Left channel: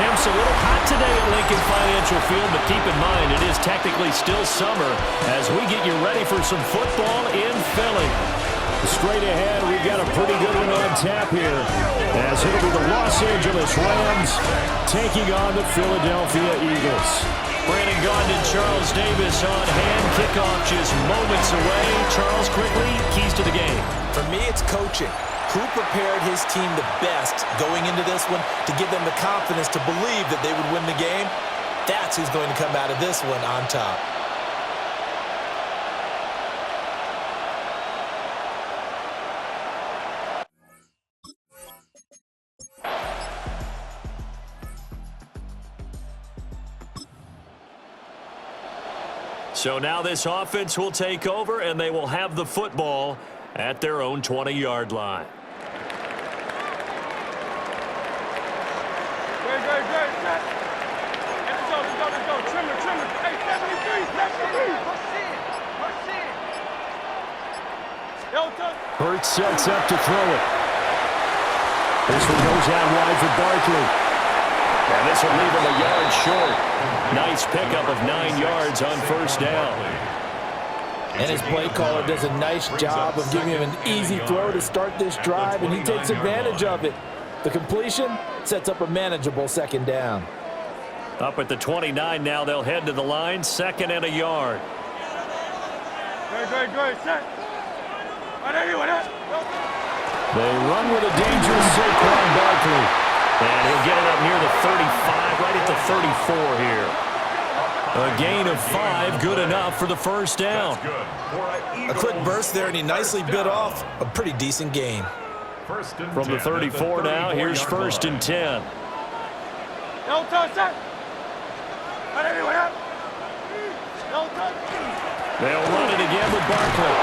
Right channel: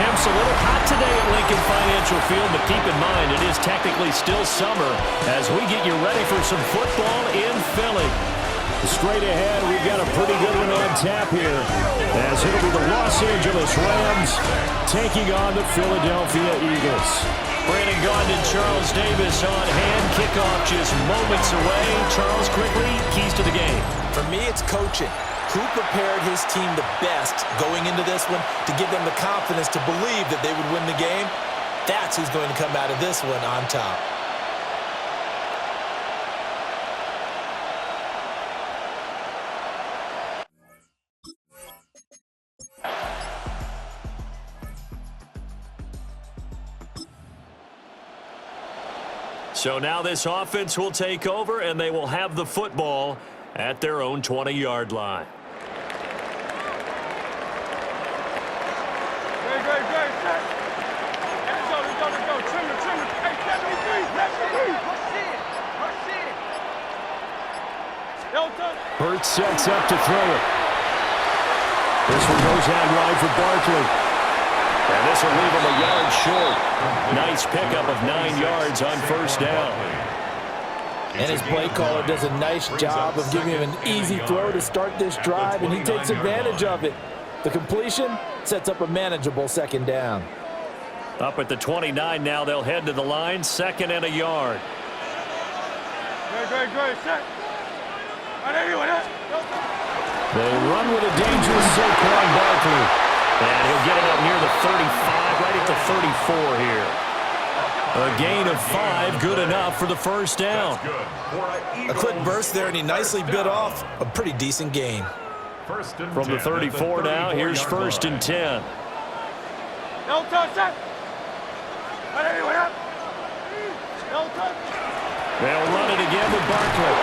Temps a little hot today at Lincoln Financial Field, but keep in mind it is technically still summer as we get you ready for some football in Philly. Straight ahead, we've got a pretty good one on tap here as it'll be the Los Angeles Rams taking on the Philadelphia Eagles. Brandon Gaudin and Charles Davis on hand. Kickoff just moments away. Charles, quickly, keys to the game. For me, it's coaching. Who prepared his team the best going into this one to give them the confidence to believe that they would win the game? That's who's going to come out of this one on top. So now this offense will take over, and they will have the football at their own 20-yard line. Great, set. Let's go. Trimmer. Hey, 73. Push in. Hurts sets up to throw it. This one goes out wide for Barkley. And this will leave him a yard short. Nice pickup of 9 yards on first down. And his play caller does a nice job of giving him an easy throw to start this drive, and he takes advantage of it. The completion sets up a manageable second down. Up at the 29 now, they'll head to the line, 2nd and a yard. Good. Set. They run with a dangerous Saquon Barkley. And he'll get it up near the 35, right at the 34 here. A gain of 5, good enough for the first down. A quick burst there, and he nicely bit off a pretty decent gain. From the 34 now, here's 1st and 10. No touch, set. No touch. They'll run it again with Barkley.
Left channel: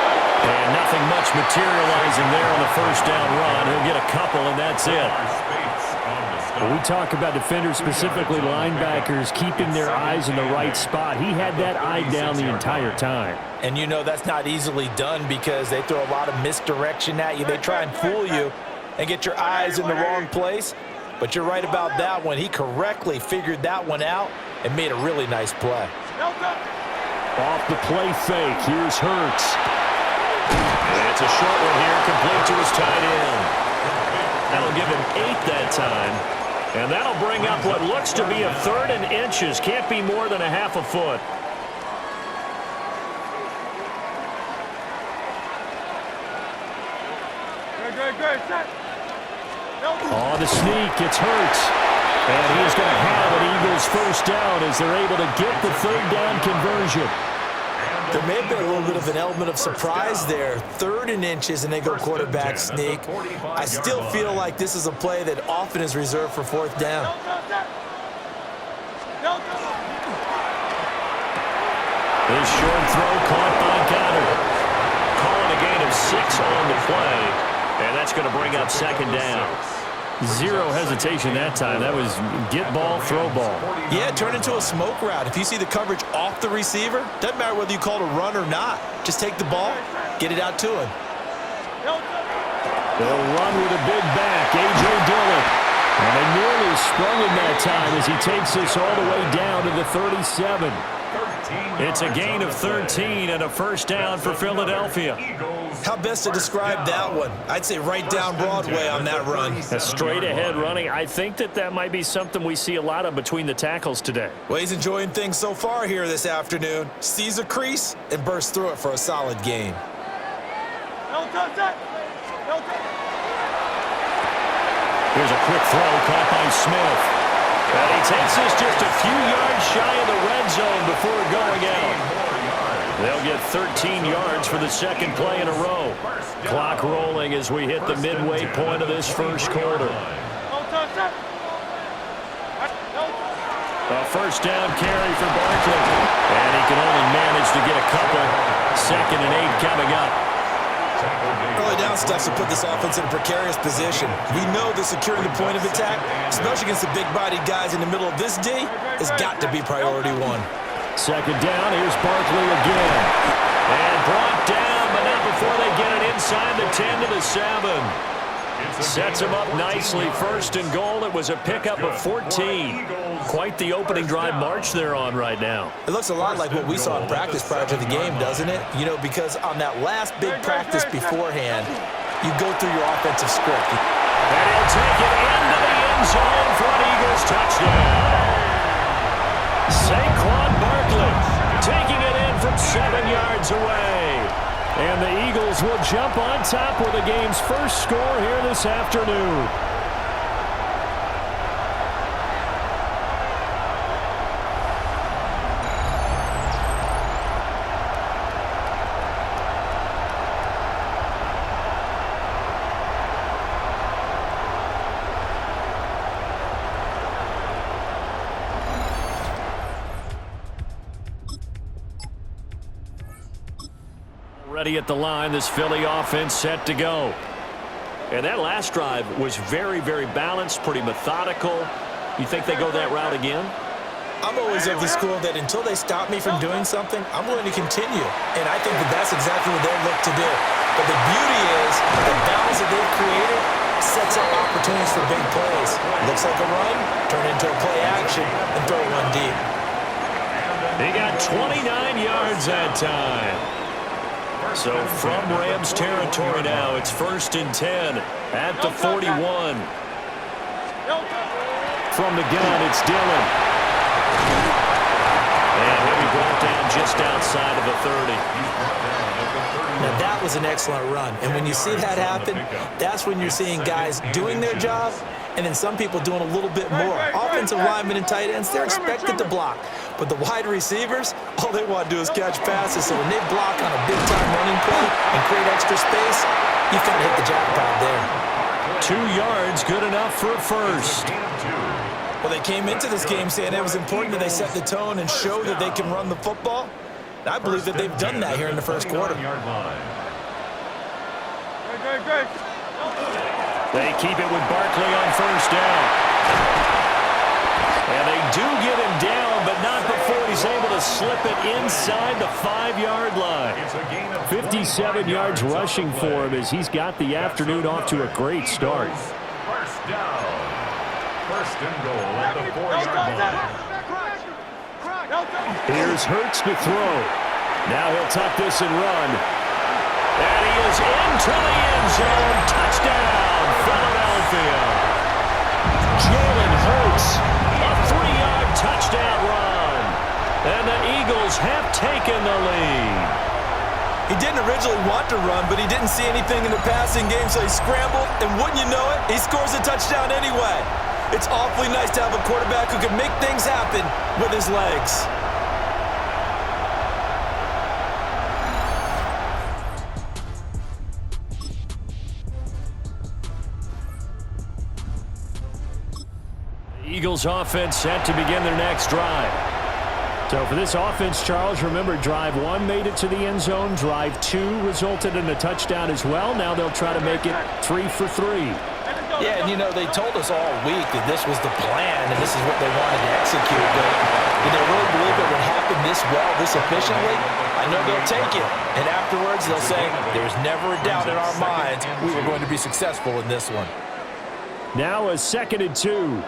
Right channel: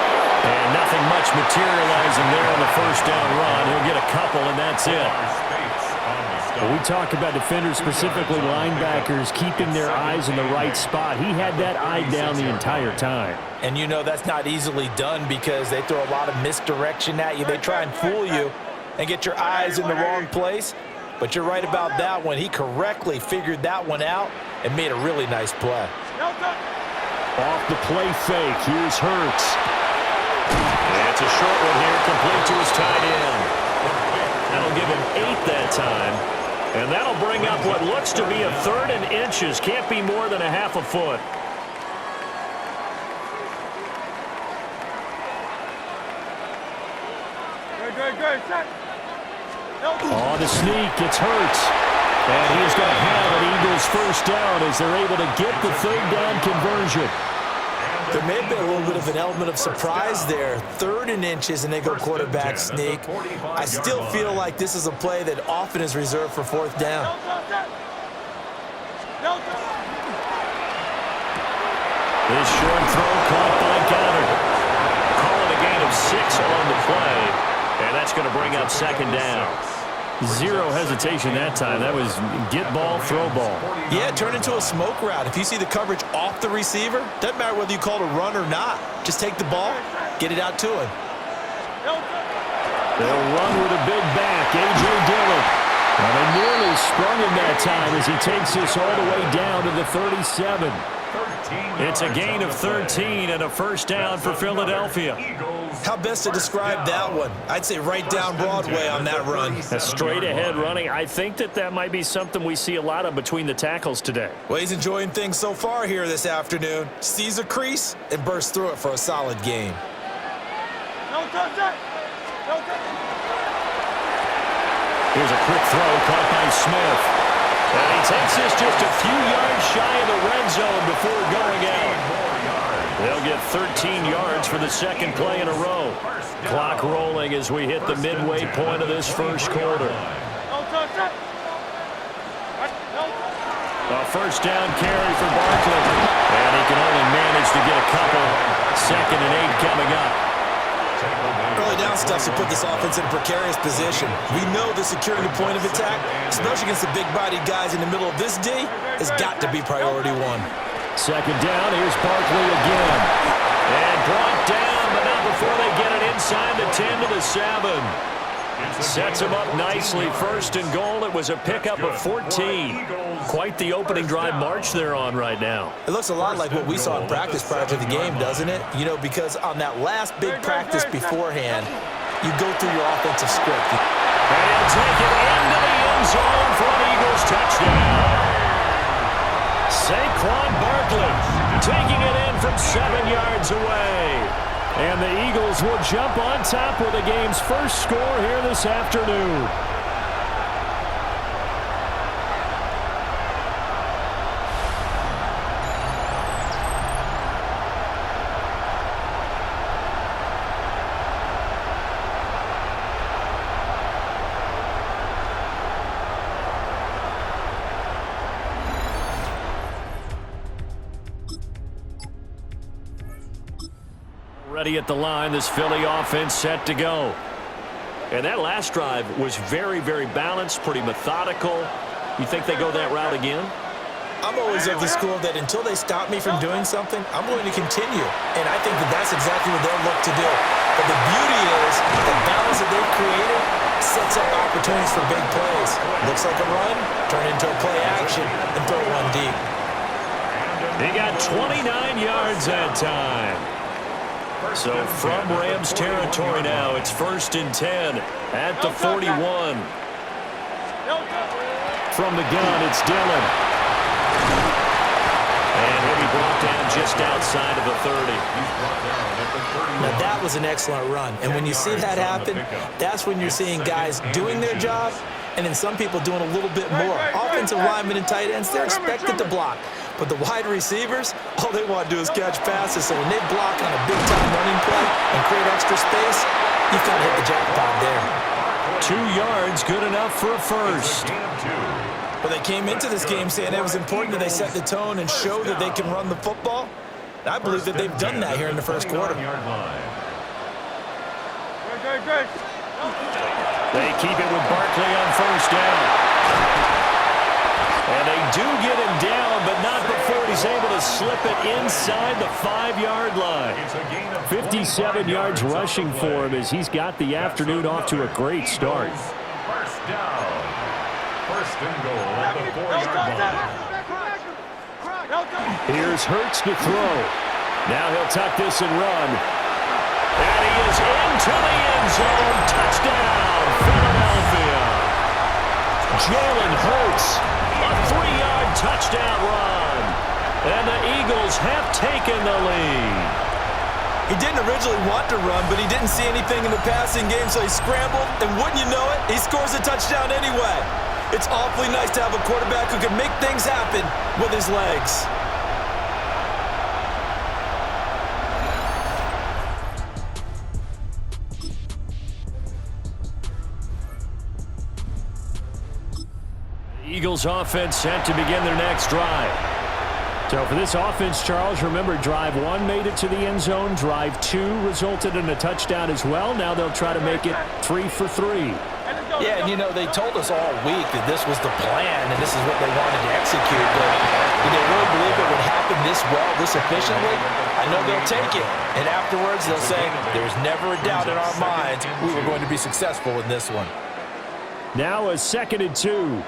And nothing much materializing there on the first down run. He'll get a couple, and that's it. When we talk about defenders, specifically linebackers, keeping their eyes in the right spot, he had that eye down the entire time. And you know that's not easily done because they throw a lot of misdirection at you. They try and fool you and get your eyes in the wrong place. But you're right about that one. He correctly figured that one out and made a really nice play. Off the play fake, here's Hurts. It's a short one here, complete to his tight end. That'll give him 8 that time. And that'll bring up what looks to be a 3rd and inches. Can't be more than a half a foot. Good. Set. On the sneak, it's Hurts. And he is going to have an Eagles first down as they're able to get the 3rd down conversion. There may have been a little bit of an element of surprise there. 3rd and inches, and they go quarterback sneak. I still feel like this is a play that often is reserved for 4th down. His short throw caught by Goddard. Calling a gain of 6 on the play. And that's going to bring up 2nd down. Zero hesitation that time. That was get ball, throw ball. Yeah, turn into a smoke route. If you see the coverage off the receiver, doesn't matter whether you call it a run or not. Just take the ball, get it out to him. They'll run with a big back, A.J. Dillon. And they nearly sprung him that time as he takes this all the way down to the 37. It's a gain of 13 and a first down for Philadelphia. How best to describe that one? I'd say right down Broadway on that run. A straight ahead running. I think that might be something we see a lot of between the tackles today. Well, he's enjoying things so far here this afternoon. Sees a crease and bursts through it for a solid gain. No touch, set. No touch. Here's a quick throw caught by Smith. And he takes this just a few yards shy of the red zone before going out. They'll get 13 yards for the 2nd play in a row. Clock rolling as we hit the midway point of this first quarter. No touch, set. No touch. A first down carry for Barkley. And he can only manage to get a couple. 2nd and 8 coming up. Early down stuff to put this offense in a precarious position. We know that securing the point of attack, especially against the big-bodied guys in the middle of this D, has got to be priority 1. 2nd down, here's Barkley again. And brought down, but not before they get it inside the 10 to the 7. Sets him up nicely. 1st and goal. It was a pickup of 14. Quite the opening drive march they're on right now. It looks a lot like what we saw in practice prior to the game, doesn't it? You know, because on that last big practice beforehand, you go through your offensive script. And he'll take it into the end zone for an Eagles touchdown. Saquon Barkley taking it in from 7 yards away. And the Eagles will jump on top with the game's first score here this afternoon. Ready at the line, this Philly offense set to go. And that last drive was very, very balanced, pretty methodical. You think they go that route again? I'm always of the school that until they stop me from doing something, I'm going to continue. And I think that that's exactly what they'll look to do. But the beauty is the balance that they've created sets up opportunities for big plays. Looks like a run, turn into a play action, and throw one deep. He got 29 yards that time. So from Rams territory now, it's 1st and 10 at the 41. From the gun, it's Dillon. And he'll be brought down just outside of the 30. Now, that was an excellent run. And when you see that happen, that's when you're seeing guys doing their job and then some people doing a little bit more. Offensive linemen and tight ends, they're expected to block. But the wide receivers, all they want to do is catch passes. So when they block on a big-time running play and create extra space, you've got to hit the jackpot there. 2 yards, good enough for a first. Well, they came into this game saying it was important that they set the tone and show that they can run the football. And I believe that they've done that here in the first quarter. They keep it with Barkley on first down. And they do get him down, but not before he's able to slip it inside the 5-yard line. 57 yards rushing for him as he's got the afternoon off to a great start. First down. First and goal at the 4-yard line. Here's Hurts to throw. Now he'll tuck this and run. And he is into the end zone. Touchdown, Philadelphia. Jalen Hurts, a 3-yard touchdown run. And the Eagles have taken the lead. He didn't originally want to run, but he didn't see anything in the passing game, so he scrambled, and wouldn't you know it, he scores a touchdown anyway. It's awfully nice to have a quarterback who can make things happen with his legs. The Eagles offense set to begin their next drive. So for this offense, Charles, remember drive 1 made it to the end zone. Drive 2 resulted in a touchdown as well. Now they'll try to make it 3 for 3. Yeah, and you know, they told us all week that this was the plan and this is what they wanted to execute, but did they really believe it would happen this well, this efficiently? I know they'll take it, and afterwards they'll say, there's never a doubt in our minds we were going to be successful in this one. Now a 2nd and 2.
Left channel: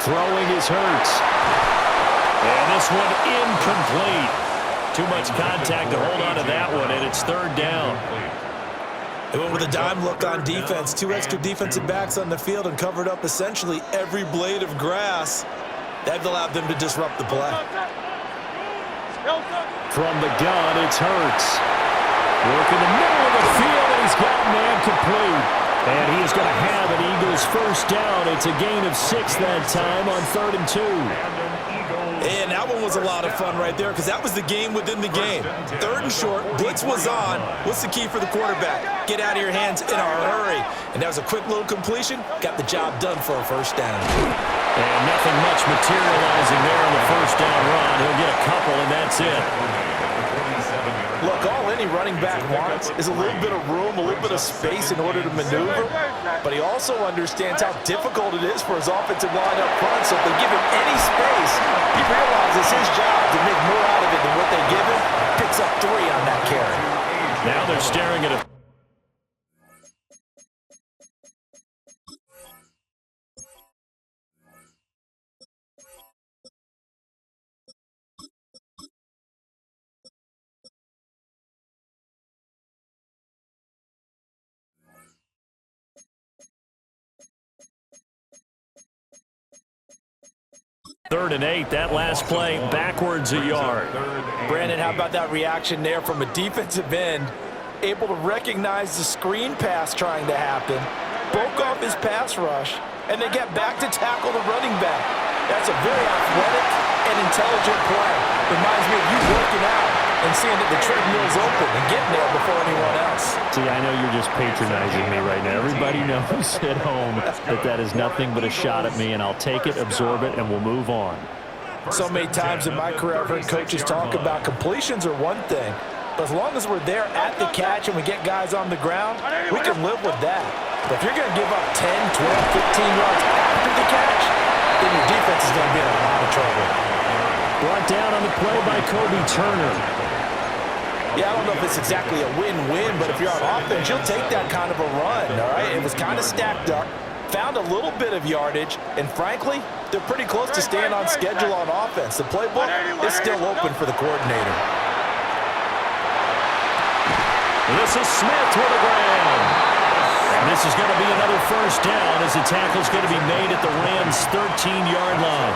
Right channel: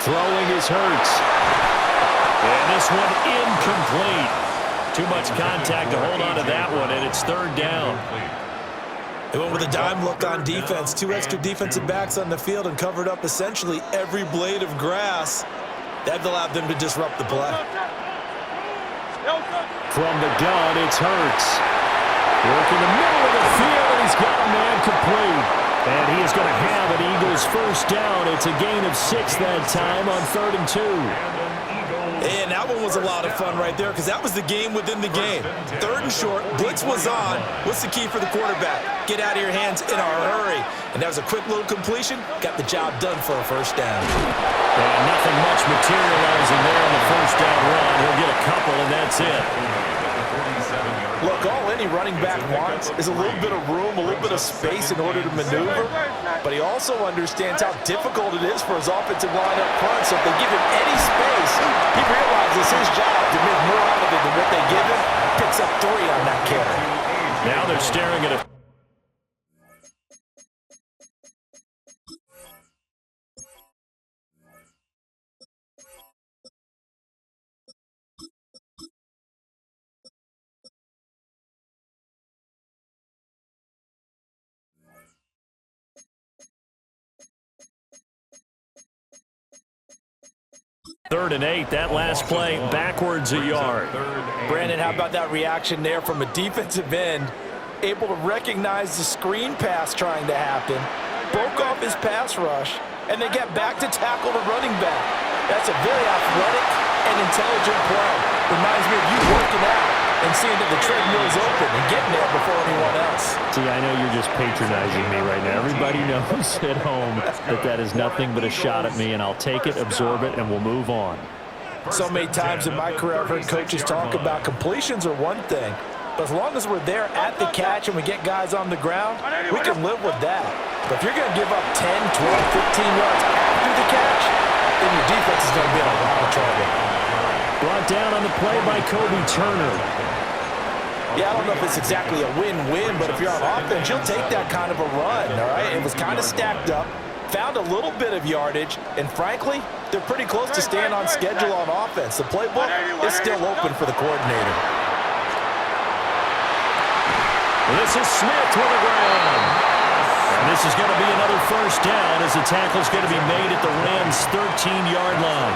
Throwing is Hurts. And this one incomplete. Too much contact to hold on to that one, and it's 3rd down. They went with a dime look on defense. 2 extra defensive backs on the field and covered up essentially every blade of grass. That allowed them to disrupt the play. From the gun, it's Hurts. Work in the middle of the field, and he's got a man complete. And he is going to have an Eagles first down. It's a gain of 6 that time on 3rd and 2. And that one was a lot of fun right there because that was the game within the game. 3rd and short, blitz was on. What's the key for the quarterback? Get out of your hands in a hurry. And that was a quick little completion. Got the job done for a first down. And nothing much materializing there on the first down run. He'll get a couple, and that's it. Look, all any running back wants is a little bit of room, a little bit of space in order to maneuver. But he also understands how difficult it is for his offensive line up front. So if they give him any space, he realizes his job to make more out of it than what they give him. Picks up 3 on that carry. Now they're staring at a Third and 8, that last play, backwards a yard. Brandon, how about that reaction there from a defensive end? Able to recognize the screen pass trying to happen, broke off his pass rush, and then get back to tackle the running back. That's a very athletic and intelligent play. Reminds me of you working out and seeing that the treadmill's open and getting there before anyone else. See, I know you're just patronizing me right now. Everybody knows at home that that is nothing but a shot at me, and I'll take it, absorb it, and we'll move on. So many times in my career I've heard coaches talk about completions are one thing, but as long as we're there at the catch and we get guys on the ground, we can live with that. But if you're going to give up 10, 12, 15 yards after the catch, then your defense is going to be in a lot of trouble. Brought down on the play by Kobe Turner. Yeah, I don't know if it's exactly a win-win, but if you're on offense, you'll take that kind of a run, all right? It was kind of stacked up, found a little bit of yardage, and frankly, they're pretty close to staying on schedule on offense. The playbook is still open for the coordinator. This is Smith with a grab. And this is going to be another first down as the tackle's going to be made at the Rams' 13-yard line.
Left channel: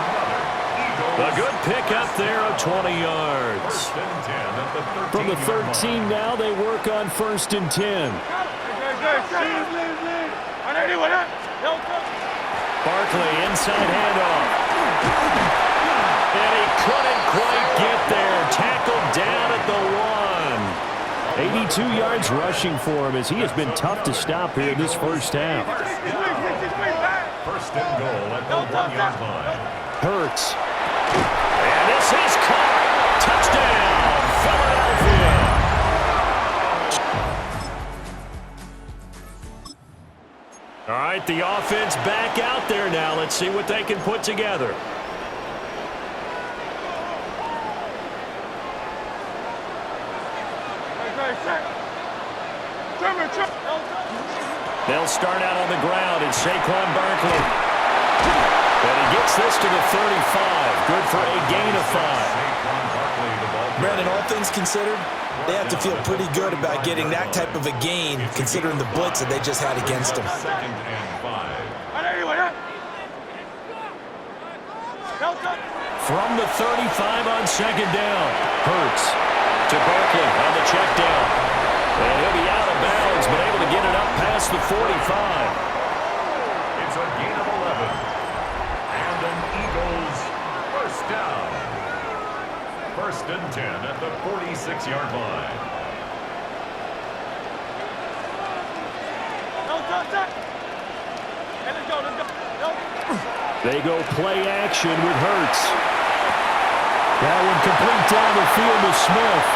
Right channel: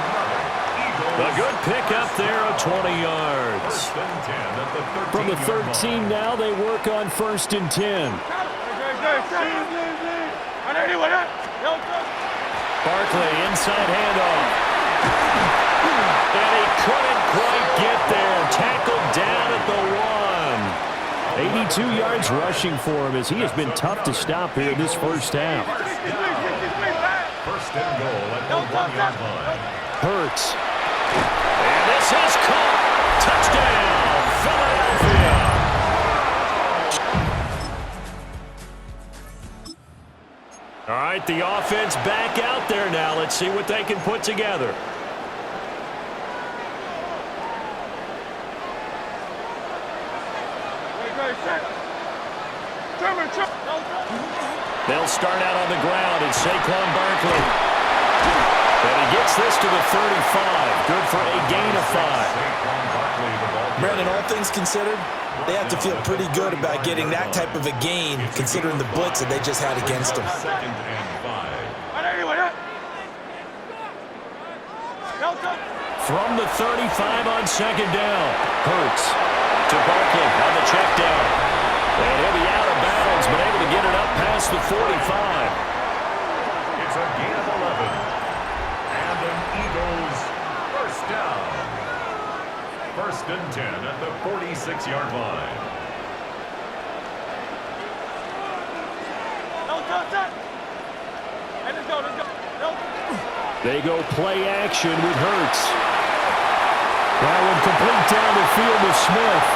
A good pickup there of 20 yards. From the 13 now, they work on 1st and 10. Barkley, inside handoff. And he couldn't quite get there. Tackled down at the 1. 82 yards rushing for him as he has been tough to stop here in this first half. First and goal at the 1-yard line. Hurts. And this is caught. Touchdown, Philadelphia. All right, the offense back out there now. Let's see what they can put together. They'll start out on the ground, and Saquon Barkley. And he gets this to the 35. Good for a gain of 5. Brandon, all things considered, they have to feel pretty good about getting that type of a gain, considering the blitz that they just had against them. Second and 5. From the 35 on second down. Hurts to Barkley on the check down. And he'll be out of bounds, but able to get it up past the 45. It's a gain of 11. And an Eagles first down. 1st and 10 at the 46-yard line. They go play action with Hurts. That one complete down the field to Smith.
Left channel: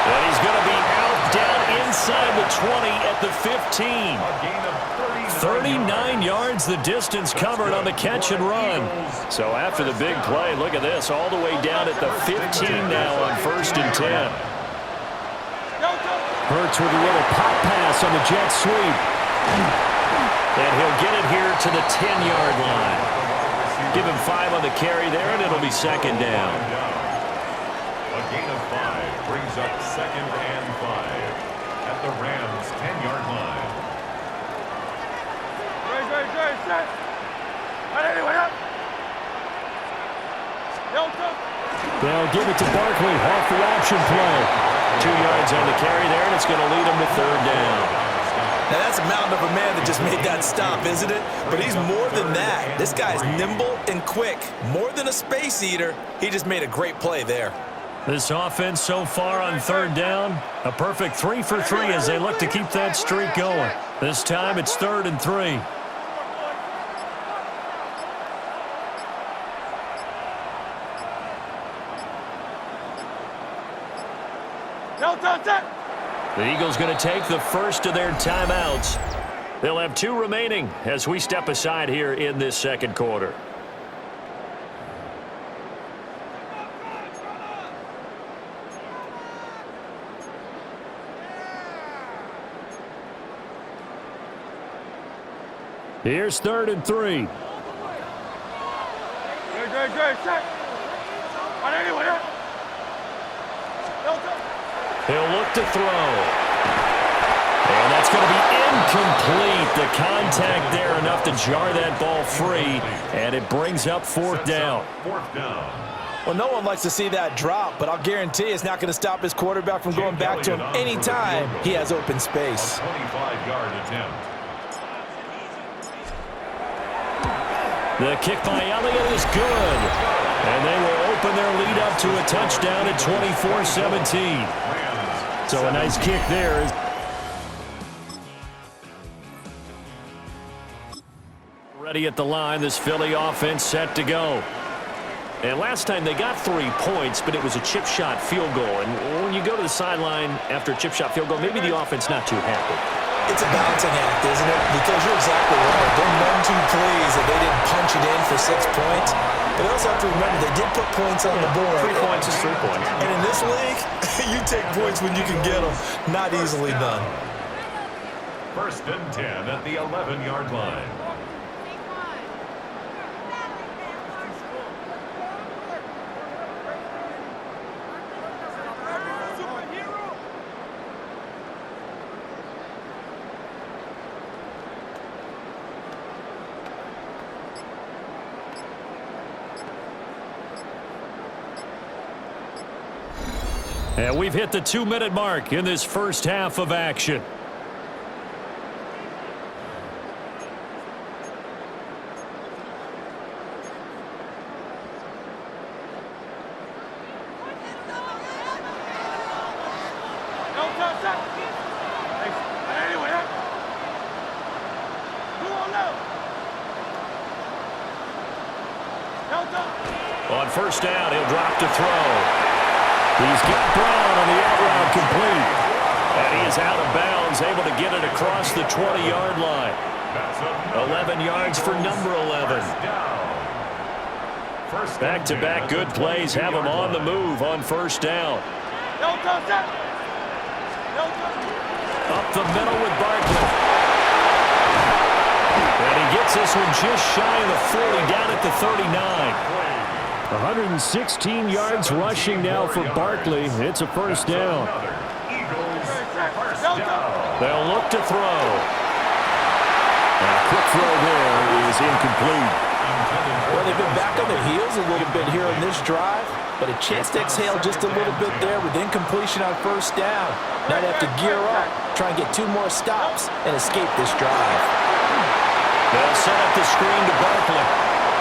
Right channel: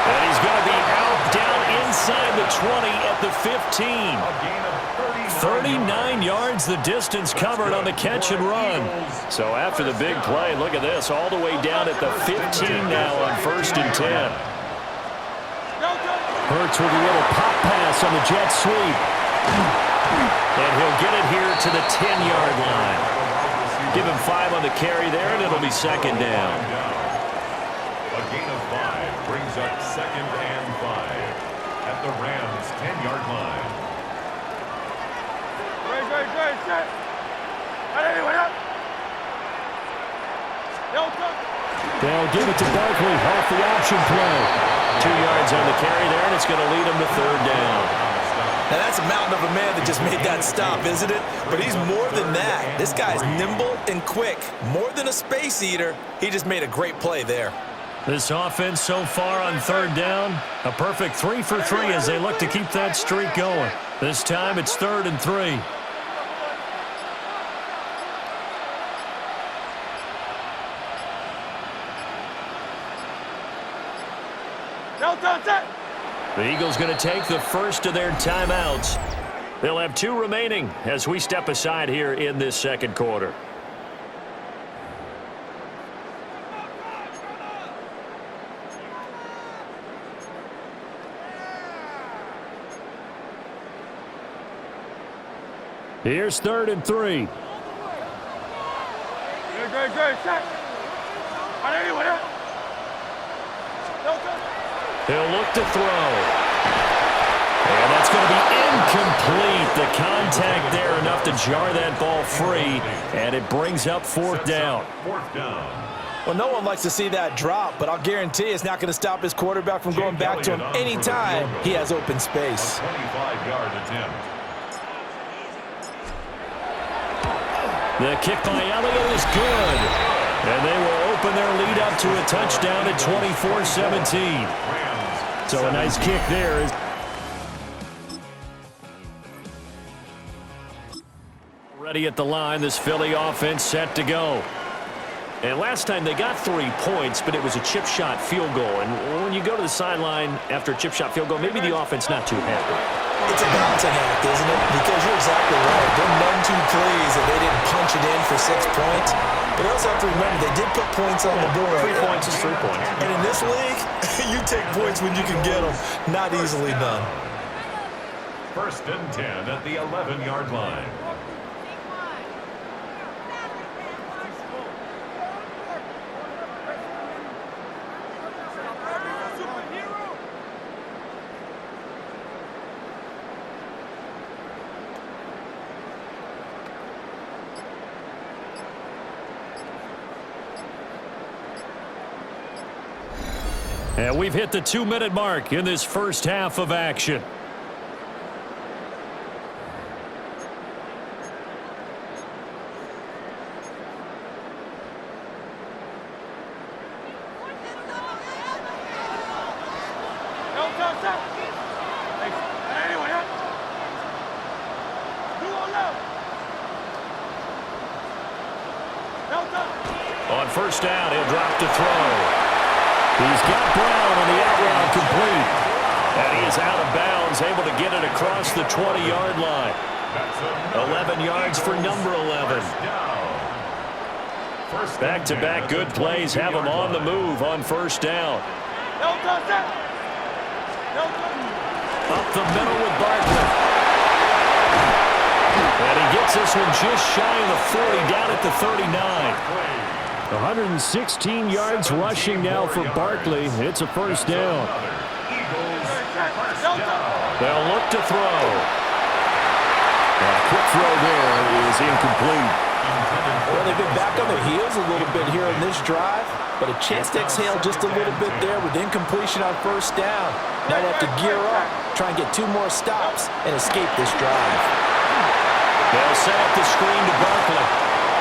And he's going to be out down inside the 20 at the 15. A gain of 39 yards the distance covered on the catch and run. So after the big play, look at this, all the way down at the 15 now on 1st and 10. Hurts with a little pop pass on the jet sweep. And he'll get it here to the 10-yard line. Give him 5 on the carry there, and it'll be second down. A gain of 5 brings up 2nd and 5 at the Rams' 10-yard line. They'll give it to Barkley off the option play. 2 yards on the carry there, and it's going to lead him to 3rd down. Now, that's a mountain of a man that just made that stop, isn't it? But he's more than that. This guy's nimble and quick. More than a space eater. He just made a great play there. This offense so far on 3rd down, a perfect 3 for 3 as they look to keep that streak going. This time it's 3rd and 3. The Eagles going to take the first of their timeouts. They'll have 2 remaining as we step aside here in this second quarter. Here's 3rd and 3. He'll look to throw. And that's going to be incomplete. The contact there enough to jar that ball free. And it brings up 4th down. 4th down. Well, no one likes to see that drop, but I'll guarantee it's not going to stop his quarterback from going back to him anytime he has open space. 25-yard attempt. The kick by Elliott is good. And they will open their lead up to a touchdown at 24-17. So a nice kick there. Ready at the line, this Philly offense set to go. And last time they got 3 points, but it was a chip shot field goal. And when you go to the sideline after a chip shot field goal, maybe the offense not too happy. It's a balancing act, isn't it? Because you're exactly right. They're none too pleased that they didn't punch it in for 6 points. But they also have to remember they did put points on the board. 3 points is 3 points. And in this league, you take points when you can get them. Not easily done. 1st and 10 at the 11-yard line. And we've hit the 2-minute mark in this first half of action. On 1st down, he'll drop to throw. He's got Brown on the out route complete. And he is out of bounds, able to get it across the 20-yard line. 11 yards for number 11. Back-to-back good plays have him on the move on 1st down. Up the middle with Barkley. And he gets this one just shy of the 40, down at the 39. 116 yards rushing now for Barkley. It's a 1st down. They'll look to throw. A quick throw there is incomplete. Well, they've been back on their heels a little bit here on this drive, but a chance to exhale just a little bit there with incompletion on 1st down. Now they have to gear up, try and get 2 more stops, and escape this drive. They'll set up the screen to Barkley.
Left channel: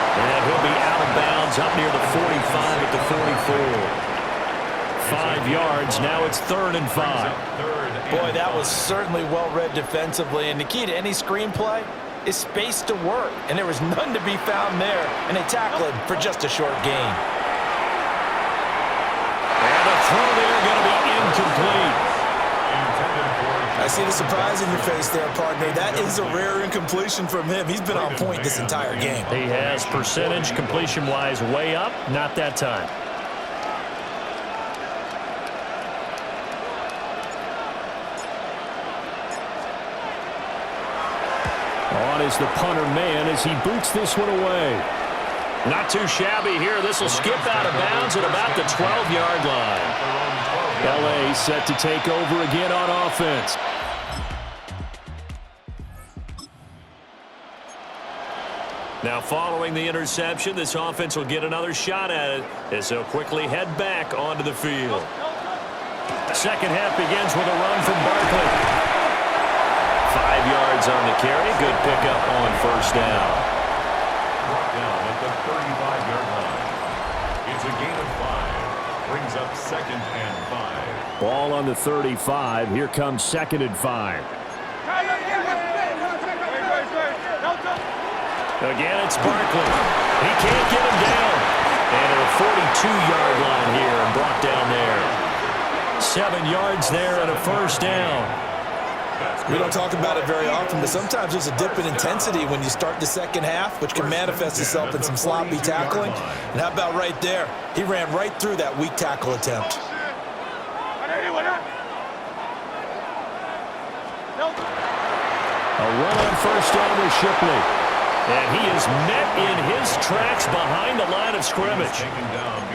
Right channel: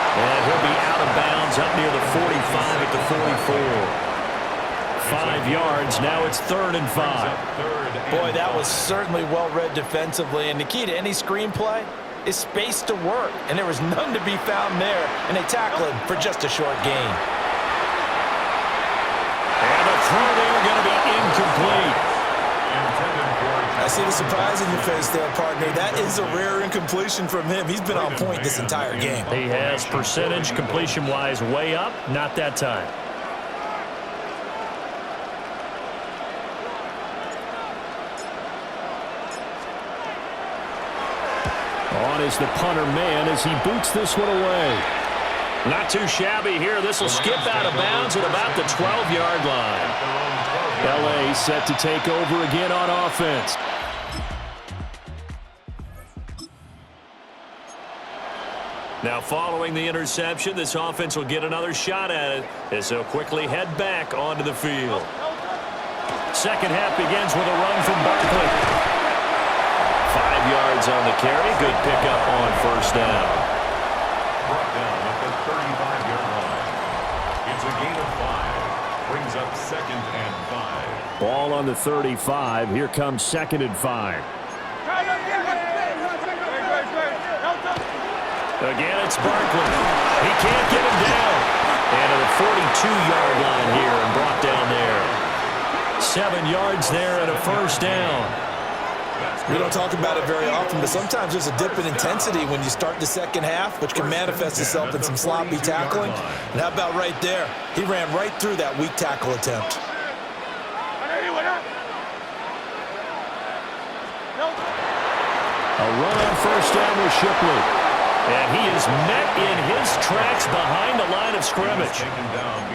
And he'll be out of bounds up near the 45 at the 44. 5 yards. Now it's 3rd and 5. Boy, that was certainly well read defensively. And the key to any screenplay is space to work. And there was none to be found there. And they tackle him for just a short gain. And a throw there going to be incomplete. I see the surprise in your face there, partner. That is a rare incompletion from him. He's been on point this entire game. He has percentage completion-wise way up. Not that time. On is the punter man as he boots this one away. Not too shabby here. This will skip out of bounds at about the 12-yard line. L.A. set to take over again on offense. Now following the interception, this offense will get another shot at it as they'll quickly head back onto the field. Second half begins with a run from Barkley. 5 yards on the carry. Good pickup on 1st down. Brought down at the 35-yard line. It's a gain of 5. Brings up 2nd and 5. Ball on the 35. Here comes 2nd and 5. Again, it's Barkley. He can't get him down. And to the 42-yard line here and brought down there. 7 yards there and a 1st down. We don't talk about it very often, but sometimes there's a dip in intensity when you start the second half, which can manifest itself in some sloppy tackling. And how about right there? He ran right through that weak tackle attempt. A run on 1st down with Shipley. And he is met in his tracks behind the line of scrimmage.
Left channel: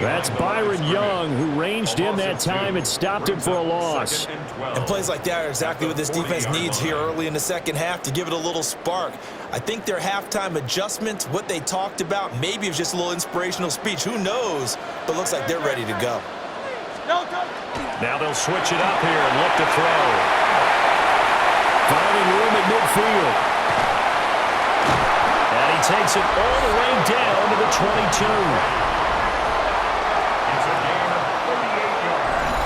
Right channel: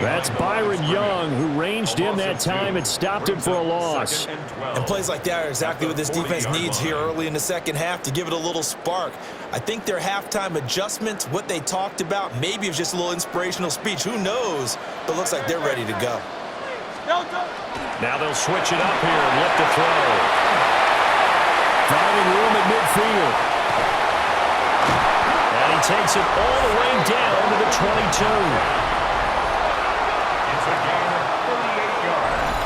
That's Byron Young, who ranged in that time and stopped him for a loss. And plays like that are exactly what this defense needs here early in the second half to give it a little spark. I think their halftime adjustments, what they talked about, maybe it was just a little inspirational speech. Who knows? But looks like they're ready to go. Now they'll switch it up here and look to throw. Finding room at midfield. And he takes it all the way down to the 22. It's a gain of 38 yards.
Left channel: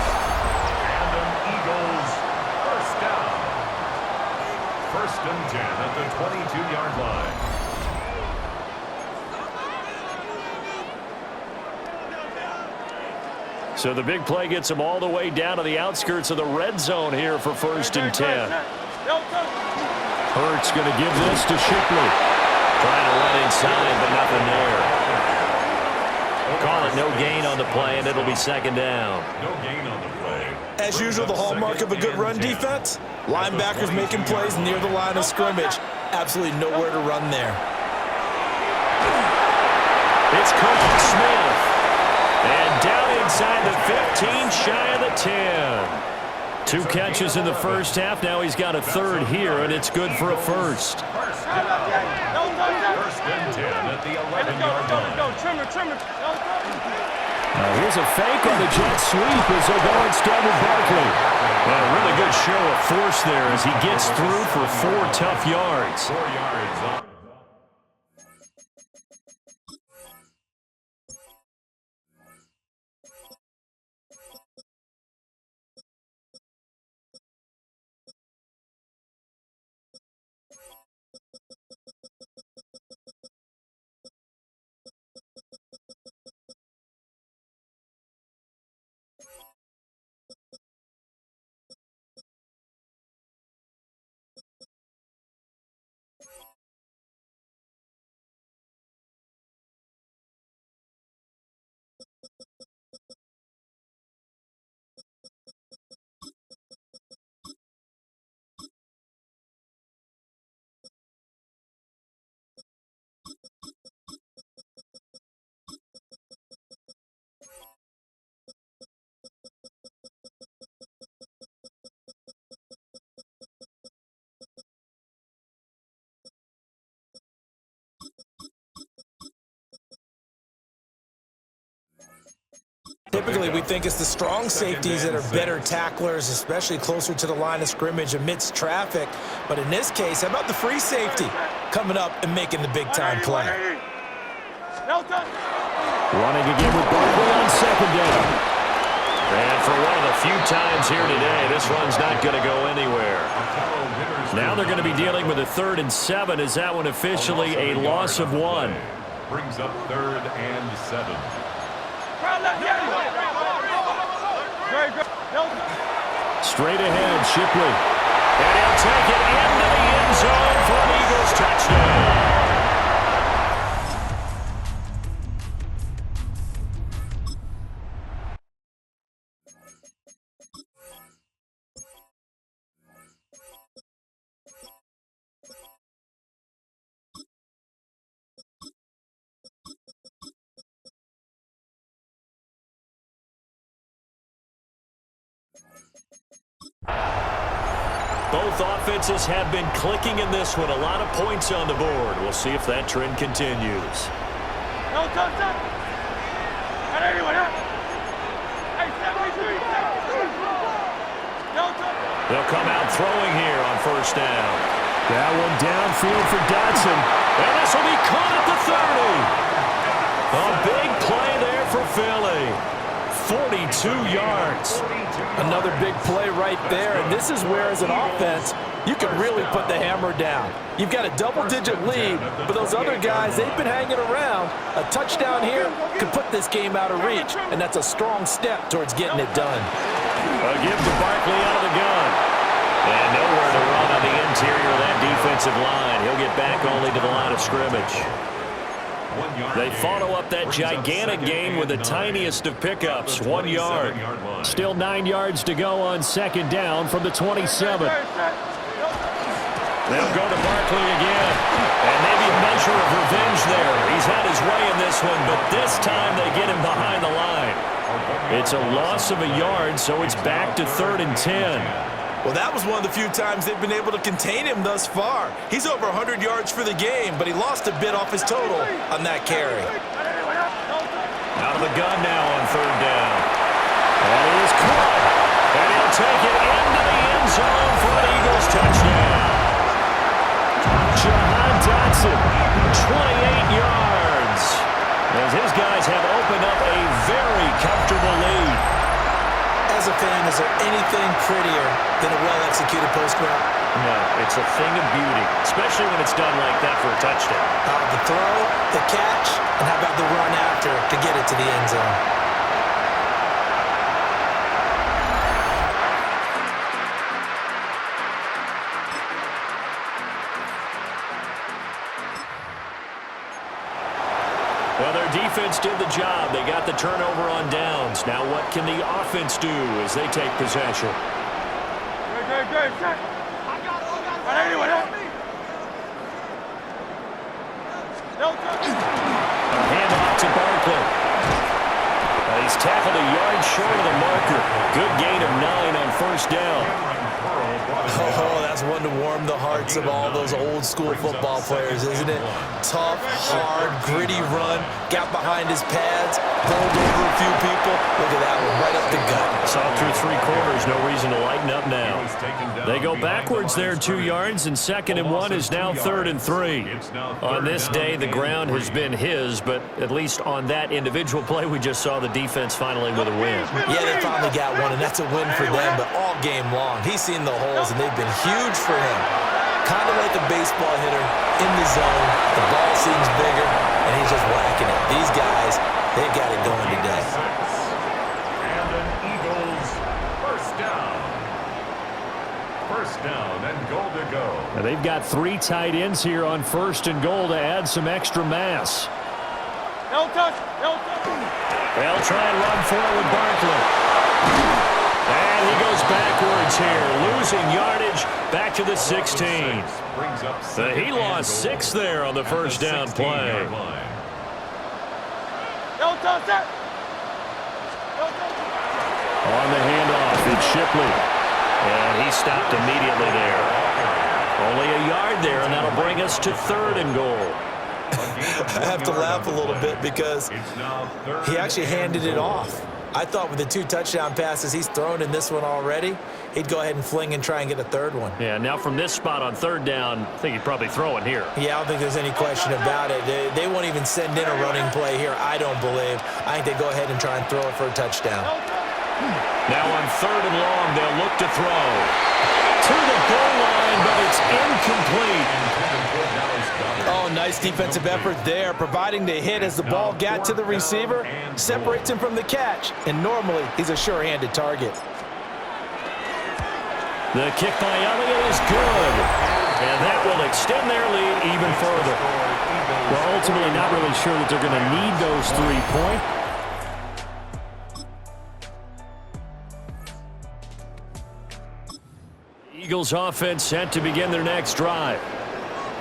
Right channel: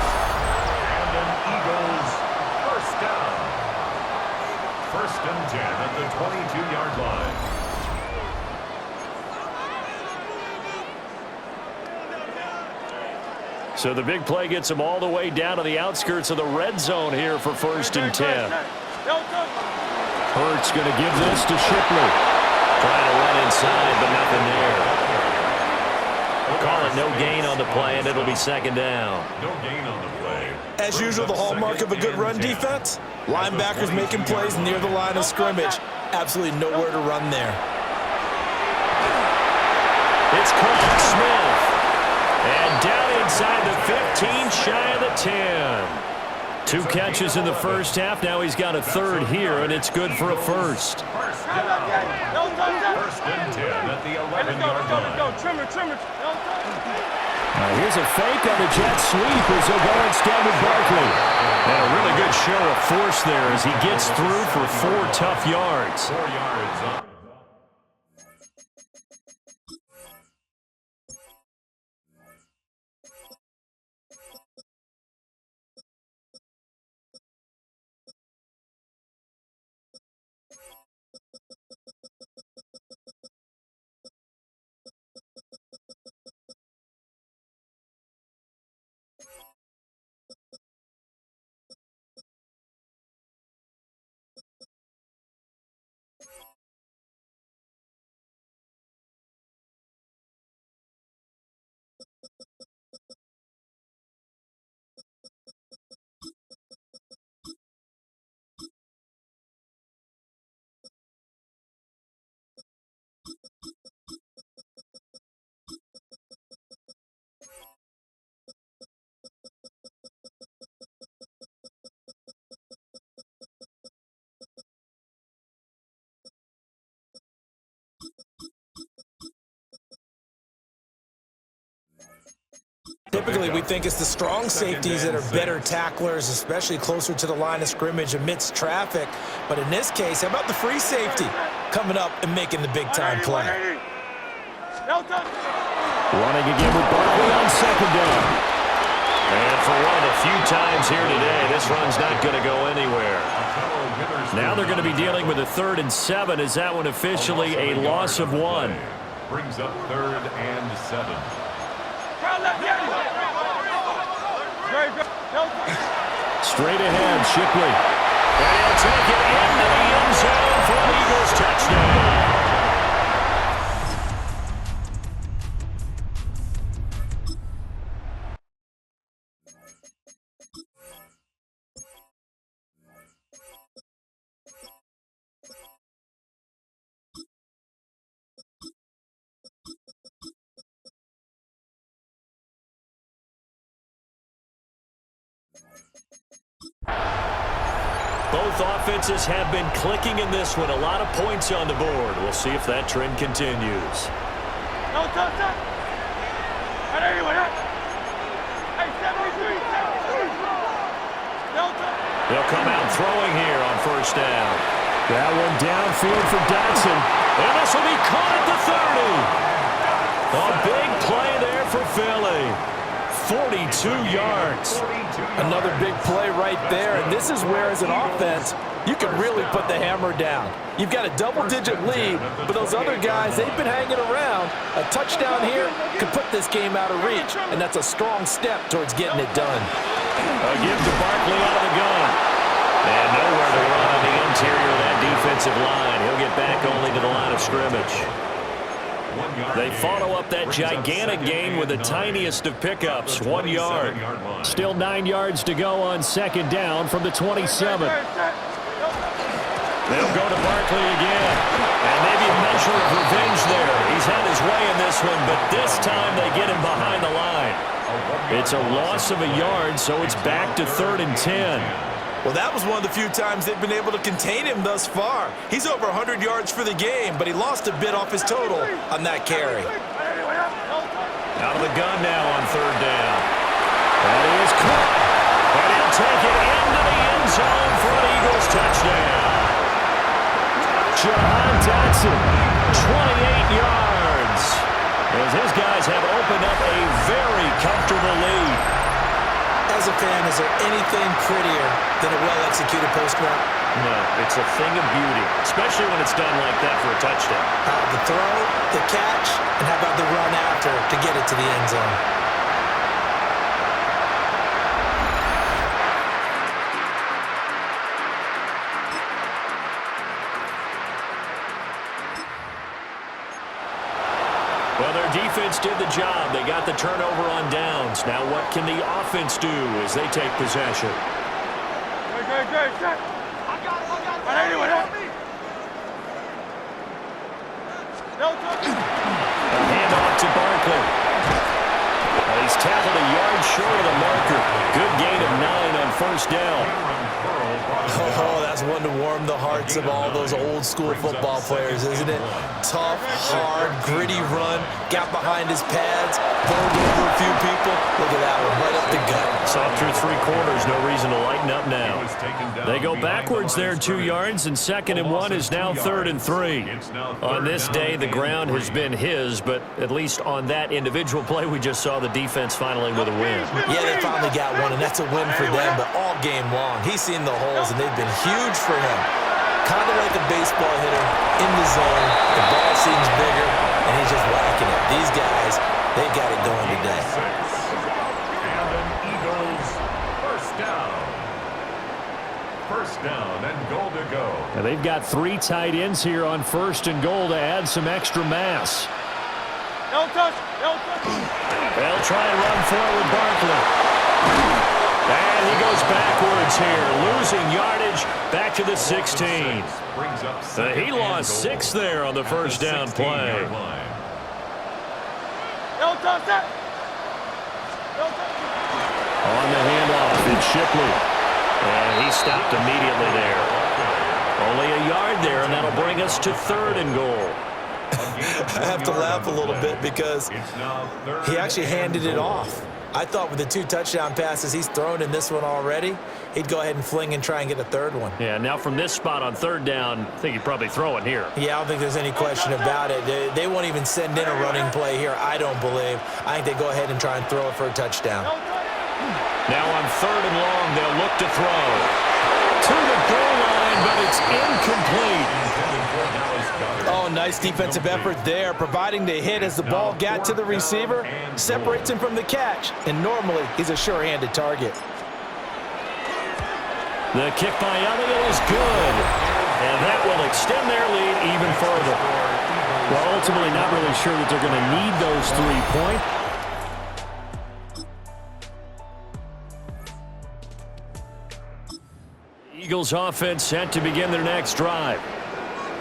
And an Eagles 1st down. 1st and 10 at the 22-yard line. So the big play gets him all the way down to the outskirts of the red zone here for 1st and 10. Hurts going to give this to Shipley. Trying to run inside, but nothing there. Call it no gain on the play, and it'll be 2nd down. No gain on the play. As usual, the hallmark of a good run defense, linebackers making plays near the line of scrimmage. Absolutely nowhere to run there. It's called Smith. And down inside the 15, shy of the 10. 2 catches in the first half. Now he's got a 3rd here, and it's good for a 1st. 1st and 10 at the 11-yard line. Go, trimmer. Now here's a fake on the jet sweep as they'll go instead with Barkley. And a really good show of force there as he gets through for 4 tough yards. 4 yards up. Typically, we think it's the strong safeties that are better tacklers, especially closer to the line of scrimmage amidst traffic. But in this case, how about the free safety coming up and making the big-time play? Running again with Barkley on 2nd down. And for one of the few times here today, this run's not going to go anywhere. Now they're going to be dealing with a 3rd and 7. Is that one officially a loss of 1? Brings up 3rd and 7. Straight ahead, Shipley. And he'll take it into the end zone for an Eagles touchdown. Both offenses have been clicking in this one. A lot of points on the board. We'll see if that trend continues. They'll come out throwing here on 1st down. That one downfield for Dotson. And this will be caught at the 30. A big play there for Philly. 42 yards. Another big play right there, and this is where, as an offense, you can really put the hammer down. You've got a double-digit lead, but those other guys, they've been hanging around. A touchdown here could put this game out of reach, and that's a strong step towards getting it done. A give to Barkley out of the gun. And nowhere to run on the interior of that defensive line. He'll get back only to the line of scrimmage. They follow up that gigantic gain with the tiniest of pickups, 1 yard. Still 9 yards to go on 2nd down from the 27. They'll go to Barkley again. And maybe a measure of revenge there. He's had his way in this one, but this time they get him behind the line. It's a loss of a yard, so it's back to 3rd and 10. Well, that was one of the few times they've been able to contain him thus far. He's over 100 yards for the game, but he lost a bit off his total on that carry. Out of the gun now on 3rd down. That is caught. And he'll take it into the end zone for an Eagles touchdown. Jahan Dotson, 28 yards. As his guys have opened up a very comfortable lead. As a fan, is there anything prettier than a well-executed post route? No, it's a thing of beauty, especially when it's done like that for a touchdown. The throw, the catch, and how about the run after to get it to the end zone? our defense did the job. They got the turnover on downs. Now what can the offense do as they take possession? Good. Set. Anyway, help me. No touch. A handoff to Barkley. Well, he's tackled a yard short of the marker. Good gain of 9 on first down. Oh, that's one to warm the hearts of all those old school football players, isn't it? Tough, hard, gritty run. Got behind his pads, bowled over a few people. Look at that one, right up the gut. Saw through 3 quarters, no reason to lighten up now. They go backwards there 2 yards, and 2nd and 1 is now 3rd and 3. On this day, the ground has been his, but at least on that individual play, we just saw the defense finally with a win. Yeah, they finally got one, and that's a win for them, but all game long, he's seen the holes, and they've been huge for him. Kind of like a baseball hitter in the zone. The ball seems bigger, and he's just whacking it. These guys, they've got it going today. And an Eagles first down. First down and goal to go. Now they've got 3 tight ends here on 1st and goal to add some extra mass. No touch. They'll try and run for it with Barkley. And he goes backwards here, losing yardage back to the 16. He lost 6 there on the first down play. No touch. On the handoff, it's Shipley. And he stopped immediately there. Only a yard there, and that'll bring us to 3rd and goal. I have to laugh a little bit because he actually handed it off. I thought with the 2 touchdown passes he's thrown in this one already, he'd go ahead and fling and try and get a 3rd one. Yeah, now from this spot on 3rd down, I think he'd probably throw it here. Yeah, I don't think there's any question about it. They won't even send in a running play here, I don't believe. I think they go ahead and try and throw it for a touchdown. Now on 3rd and long, they'll look to throw. To the goal line, but it's incomplete. Oh, nice defensive effort there, providing the hit as the ball got to the receiver, separates him from the catch, and normally he's a sure-handed target. The kick by Elliott is good, and that will extend their lead even further. Well, ultimately not really sure that they're going to need those 3 points. Eagles offense set to begin their next drive.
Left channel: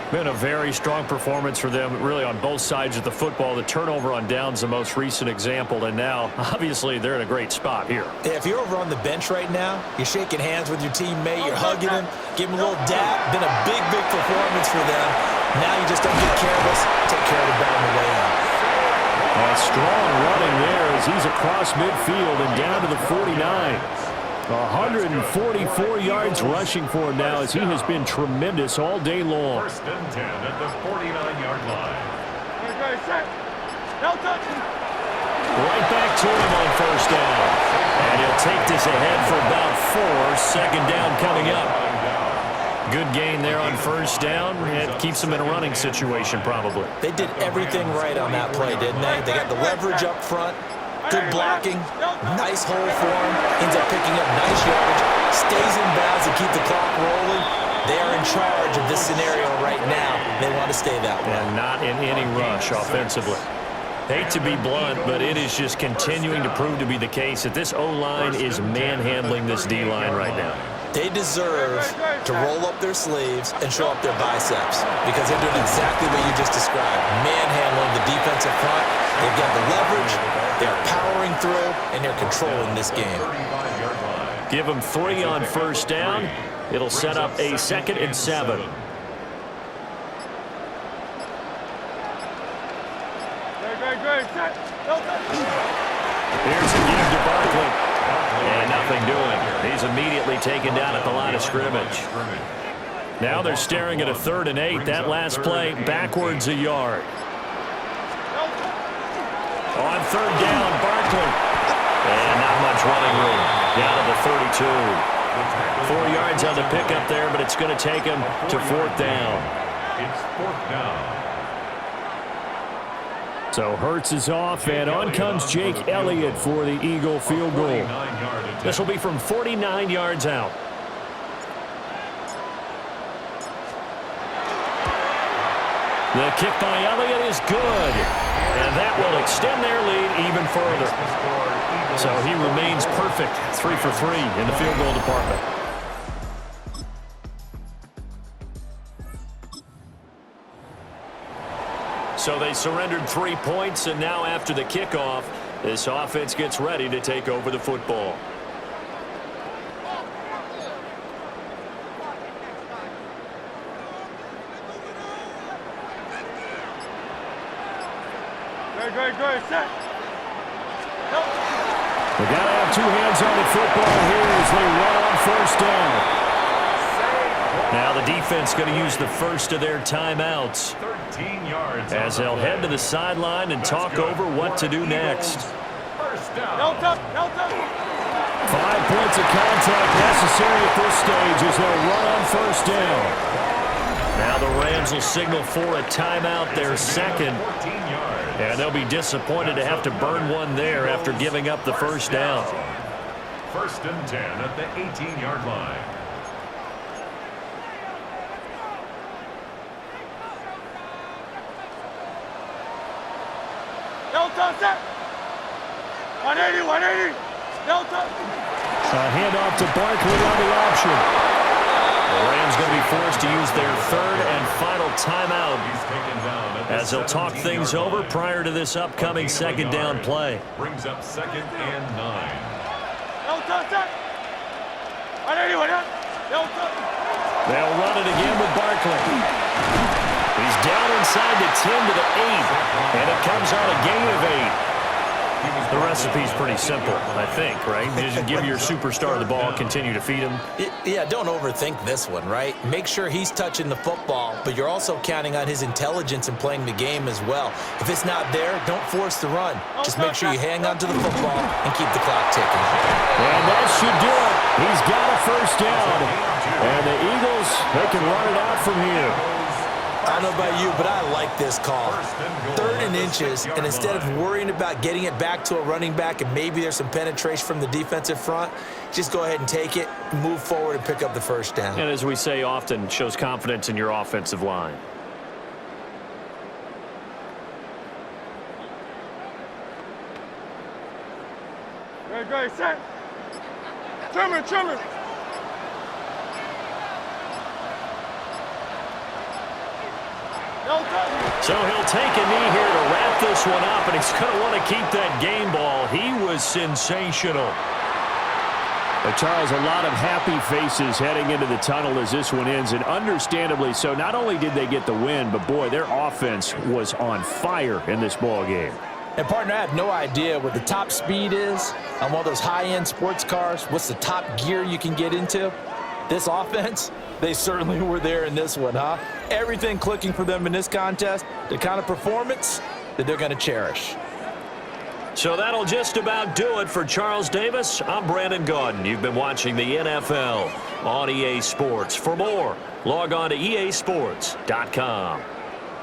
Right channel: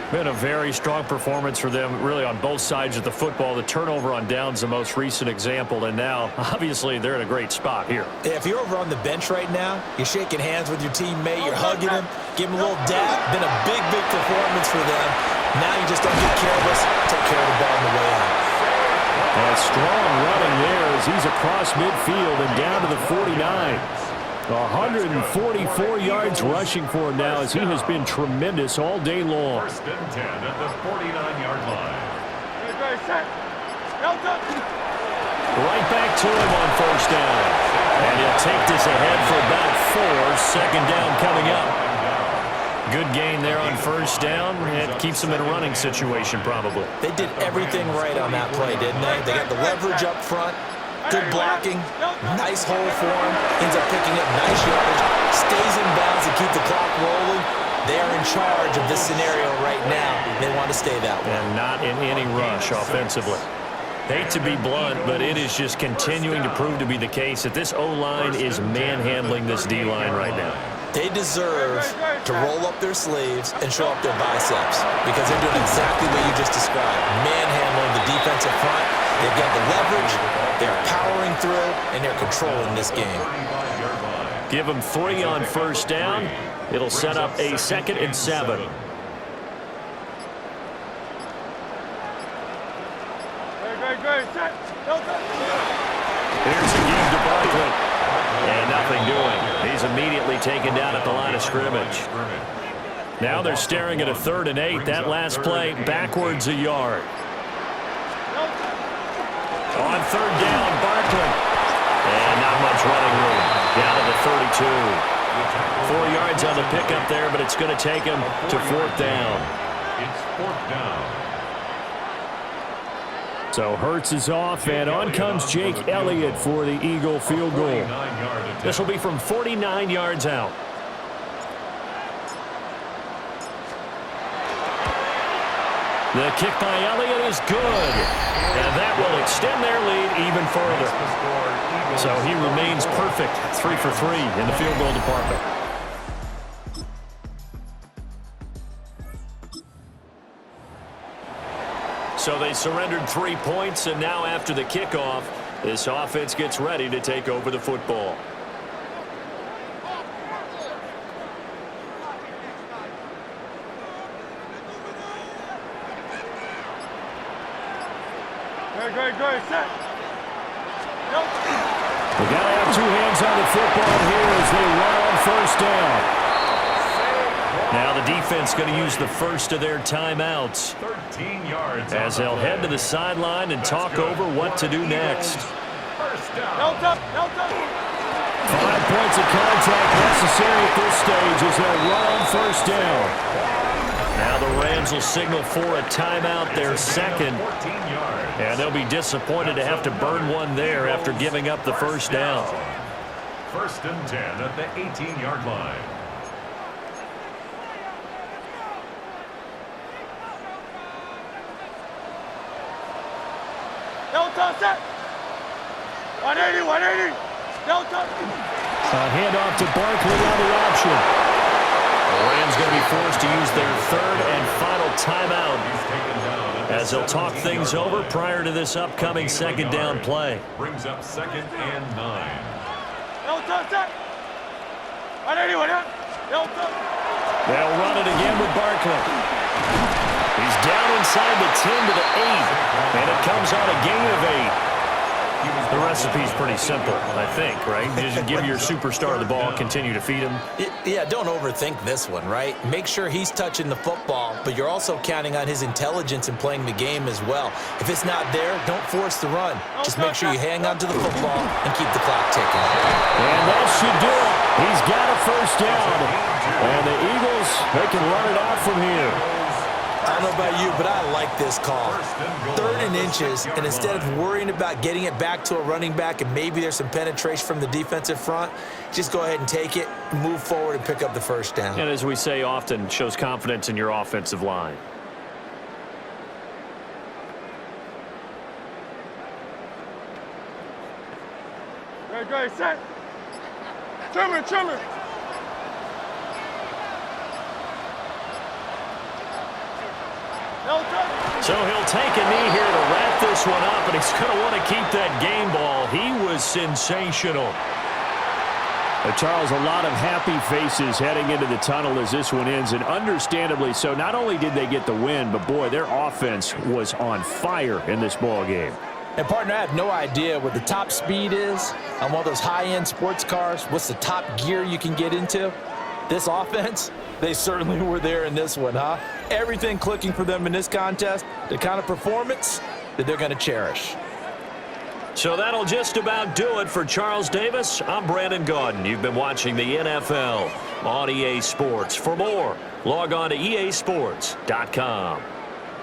Been a very strong performance for them, really, on both sides of the football. The turnover on downs, the most recent example, and now, obviously, they're in a great spot here. If you're over on the bench right now, you're shaking hands with your teammate, you're hugging him, give him a little dap. Been a big performance for them. Now you just don't get careless. Take care of the ball on the way out. And strong running there as he's across midfield and down to the 49. 144 yards rushing for him now as he has been tremendous all day long. 1st and 10 at the 49-yard line. Right back to him on 1st down. And he'll take this ahead for about 4. 2nd down coming up. Good gain there on 1st down. It keeps them in a running situation probably. They did everything right on that play, didn't they? They got the leverage up front. Good blocking, nice hole for him, ends up picking up nice yardage, stays in bounds to keep the clock rolling. They are in charge of this scenario right now. They want to stay that way. And not in any rush offensively. Hate to be blunt, but it is just continuing to prove to be the case that this O-line is manhandling this D-line right now. They deserve to roll up their sleeves and show up their biceps because they're doing exactly what you just described, manhandling the defensive front. They've got the leverage, they're powering through, and they're controlling this game. Give them 3 on 1st down. It'll set up a 2nd and 7. Great. Set. Here's a give to Barkley. And nothing doing. He's immediately taken down at the line of scrimmage. Now they're staring at a 3rd and 8. That last play backwards a yard. On 3rd down, Barkley. And not much running room. Down to the 32. 4 yards on the pickup there, but it's going to take him to 4th down. It's 4th down. So Hurts is off, and on comes Jake Elliott for the Eagle field goal. This will be from 49 yards out. The kick by Elliott is good. And that will extend their lead even further. So he remains perfect, 3 for 3 in the field goal department. So they surrendered 3 points, and now after the kickoff, this offense gets ready to take over the football. Great, set. They got to have 2 hands on the football here as they run on first down. Now the defense going to use the first of their timeouts 13 yards as they'll head to the sideline and talk over what to do next. First down. No touch. 5 points of contact necessary at this stage as they'll run on first down. Now the Rams will signal for a timeout, their second. And they'll be disappointed to have to burn one there after giving up the first down. First and 10 at the 18-yard line. No touch, set. 180. No touch. A handoff to Barkley on the option. The Rams going to be forced to use their third and final timeout as they'll talk things over prior to this upcoming second down play. Brings up 2nd and 9. No touch, set. 180. No touch. They'll run it again with Barkley. He's down inside the 10 to the 8, and it comes on a gain of 8. The recipe's pretty simple, I think, right? You just give your superstar the ball, continue to feed him. Yeah, don't overthink this one, right? Make sure he's touching the football, but you're also counting on his intelligence in playing the game as well. If it's not there, don't force the run. Just make sure you hang on to the football and keep the clock ticking. And that should do it. He's got a first down. And the Eagles, they can run it out from here. I don't know about you, but I like this call. 3rd and inches, and instead of worrying about getting it back to a running back and maybe there's some penetration from the defensive front, just go ahead and take it, move forward, and pick up the first down. And as we say often, shows confidence in your offensive line. Great, set. Trimmer. No touch. So he'll take a knee here to wrap this one up, and he's going to want to keep that game ball. He was sensational. Charles, a lot of happy faces heading into the tunnel as this one ends, and understandably so. Not only did they get the win, but, boy, their offense was on fire in this ball game. And, partner, I have no idea what the top speed is on one of those high-end sports cars. What's the top gear you can get into? This offense, they certainly were there in this one, huh? Everything clicking for them in this contest, the kind of performance that they're going to cherish. So that'll just about do it for Charles Davis. I'm Brandon Gaudin. You've been watching the NFL on EA Sports. For more, log on to easports.com.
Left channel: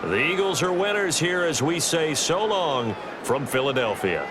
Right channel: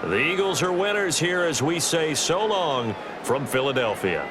The Eagles are winners here as we say so long from Philadelphia.